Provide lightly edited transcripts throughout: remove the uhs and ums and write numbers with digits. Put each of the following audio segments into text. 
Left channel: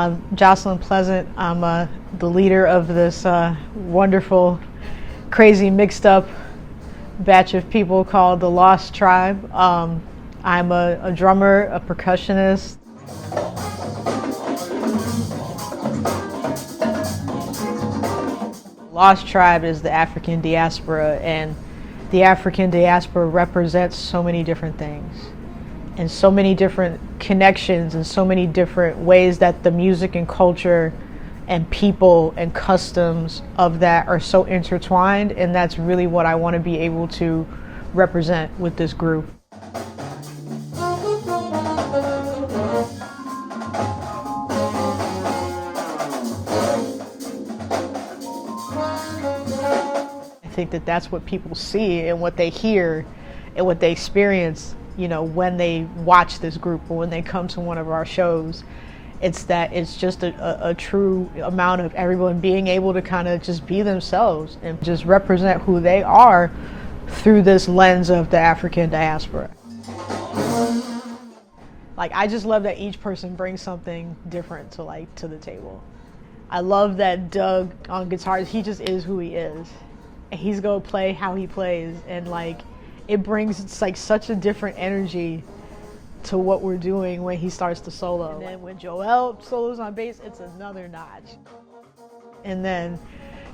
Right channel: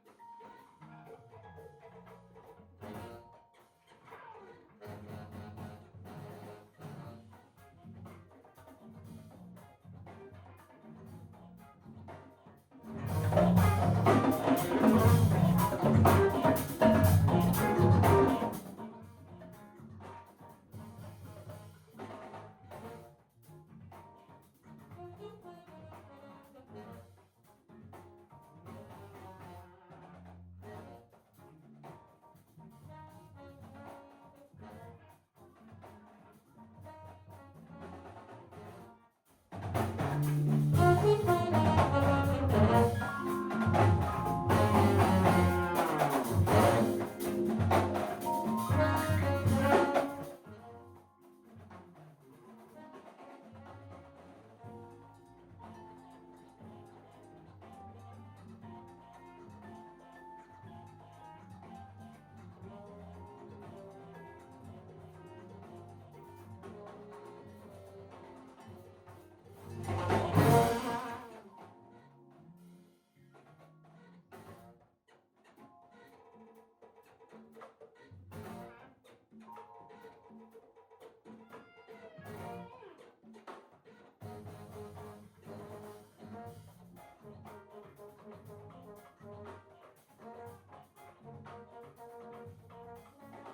I'm Jocelyn Pleasant. I'm the leader of this wonderful, crazy, mixed up batch of people called the Lost Tribe. I'm a drummer, a percussionist. Lost Tribe is the African diaspora, and the African diaspora represents so many different things and so many different connections and so many different ways that the music and culture and people and customs of that are so intertwined, and that's really what I want to be able to represent with this group. I think that that's what people see and what they hear and what they experience, you know, when they watch this group or when they come to one of our shows. It's that it's just a true amount of everyone being able to kind of just be themselves and just represent who they are through this lens of the African diaspora. Like, I just love that each person brings something different to the table. I love that Doug on guitars, he just is who he is. And he's gonna play how he plays, and like it brings, it's like such a different energy to what we're doing when he starts to solo. And then when Joel solos on bass, it's another notch. And then,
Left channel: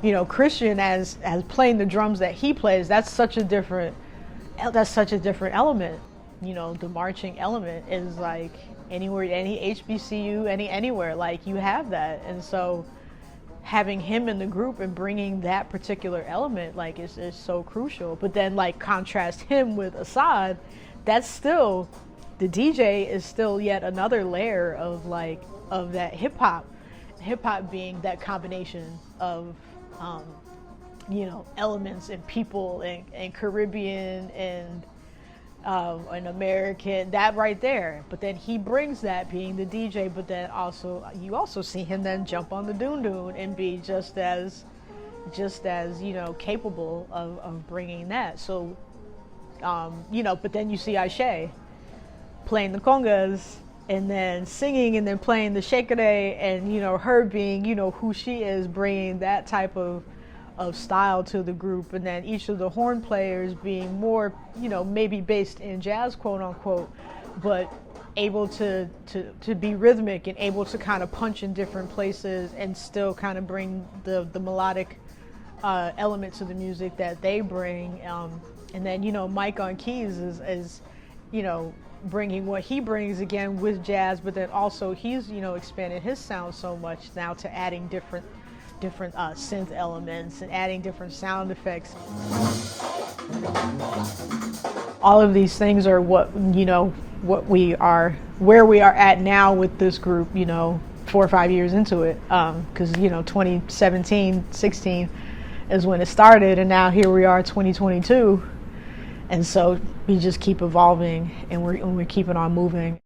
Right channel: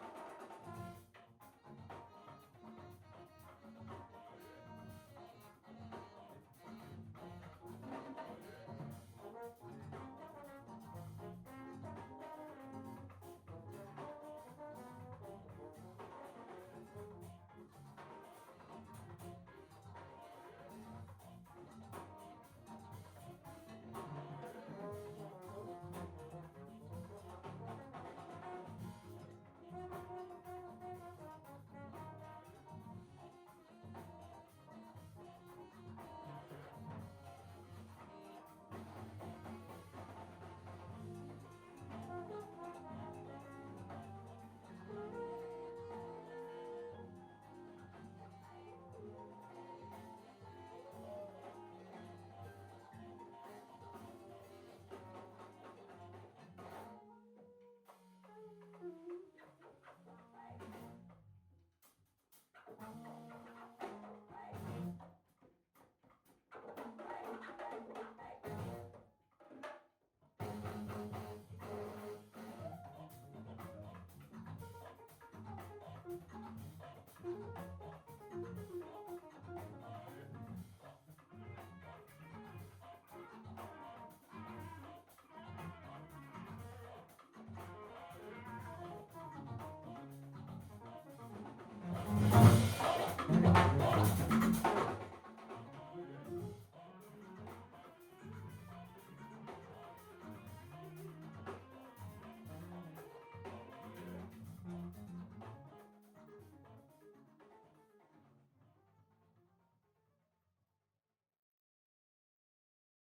you know, Christian as playing the drums that he plays, that's such a different element. You know, the marching element is like anywhere, any HBCU, anywhere, like you have that. And so having him in the group and bringing that particular element like is so crucial. But then like contrast him with Assad, that's still, the DJ is still yet another layer of that hip hop being that combination of you know, elements and people and Caribbean and American, that right there. But then he brings that being the DJ, but then also you also see him then jump on the dune and be just as you know, capable of bringing that. So you know, but then you see Aisha playing the congas and then singing and then playing the shekere, and you know, her being, you know, who she is, bringing that type of style to the group. And then each of the horn players being more, you know, maybe based in jazz, quote unquote, but able to be rhythmic and able to kind of punch in different places and still kind of bring the melodic element to the music that they bring. And then, you know, Mike on keys is you know, bringing what he brings again with jazz, but then also he's, you know, expanded his sound so much now to adding different synth elements and adding different sound effects. All of these things are what, you know, where we are at now with this group, you know, 4 or 5 years into it, because you know, 2017, 16 is when it started, and now here we are, 2022, and so we just keep evolving, and we're keeping on moving.